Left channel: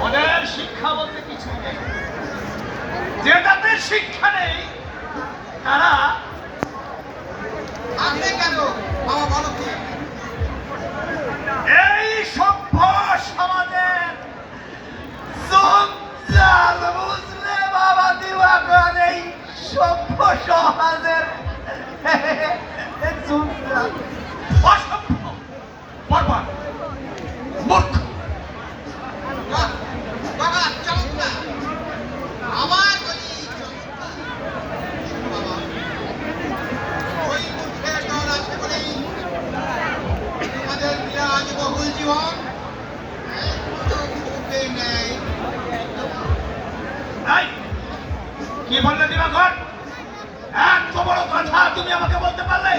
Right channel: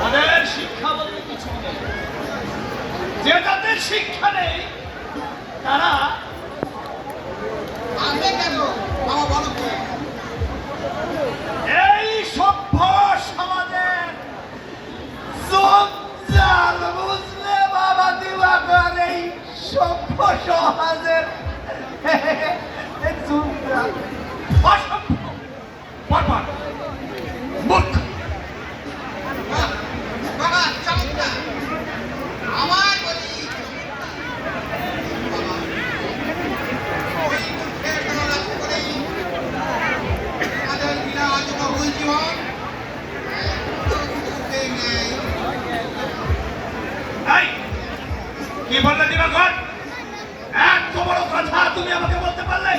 তাদের শিক্ষা বলতে কিছু নেই। যে তাদের শিক্ষা নেই তারা এই সভ্য সমাজের জঞ্জাল বুঝলে বাবা দিবাকর, এই সভ্য সমাজের জঞ্জাল অসভ্য বর্বর মূর্খ। কি বললে দিবাকর? এত বড় কথা তুমি আমাকে বলতে পারলে?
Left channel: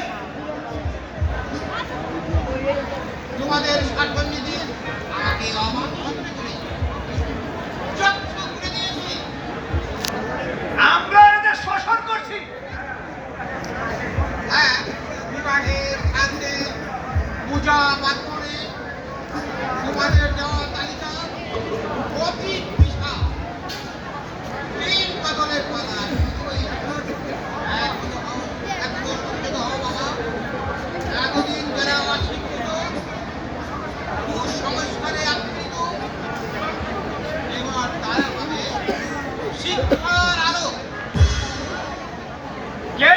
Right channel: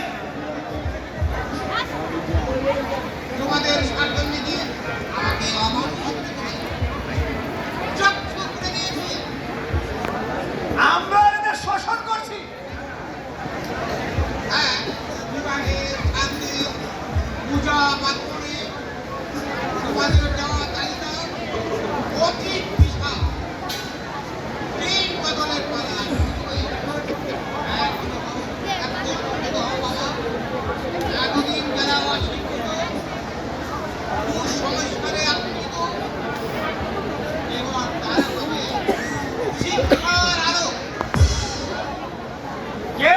তোমাদের স্বার্থনীতি আমাকে আমরা এদের শোষণ করছি। হ্যাঁ, বিবাহের সামনে পূজা পার্বণে তোমাদের দেওয়া তালিকা অতি বিশাল। তিন কদমের পরে এতদিন যারা সংস্কারে আপ্লুত, এবার তারা হবে শিক্ষার আলো। কে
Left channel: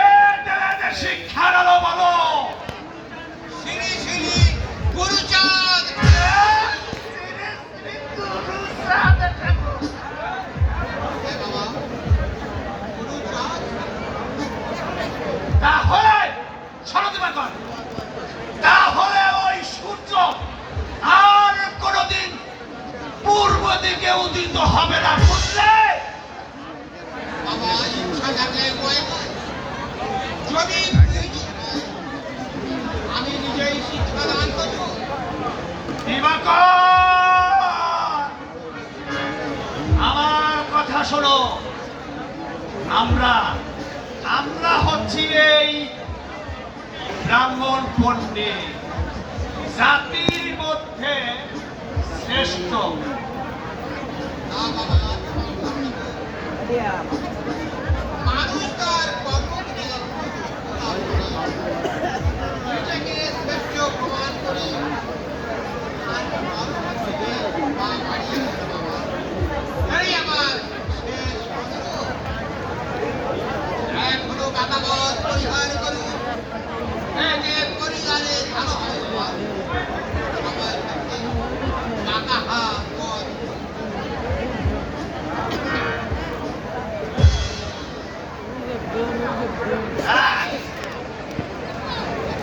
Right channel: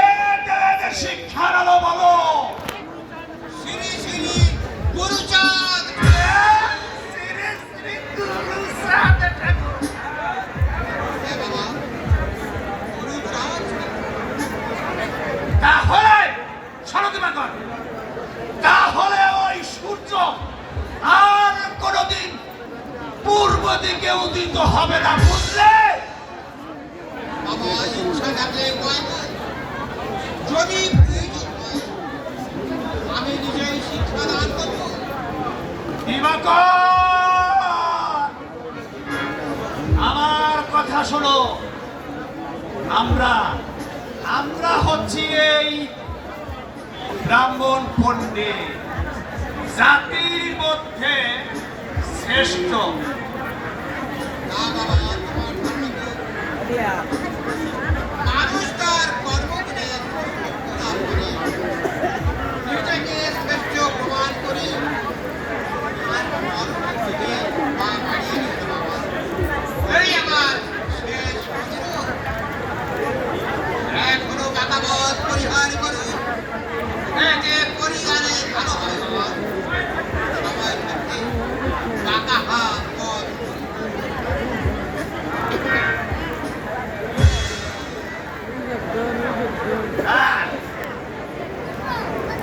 দেবে এদের শিক্ষার আলো বলো? শ্রী শ্রী গুরুচাঁদ। তাহলে শোনো দিবাকর, তাহলে ওই সূর্য আর কোনদিন পূর্ব দিকে উদিত হবে না, বুঝলে? বাবা ইচ্ছা থাকলে যদি প্রয়োজন হয় আমি নিজেই শিক্ষাদান করব। দিবাকর, আমার কথা শোনো। আমরা হচ্ছি এই ব্রাহ্মণ পণ্ডিত, জাতির মধ্যে শ্রেষ্ঠ। না বাবা, তোমার মানুষ তার কর্ম করে নিজেকে শ্রেষ্ঠ প্রমাণ করে আর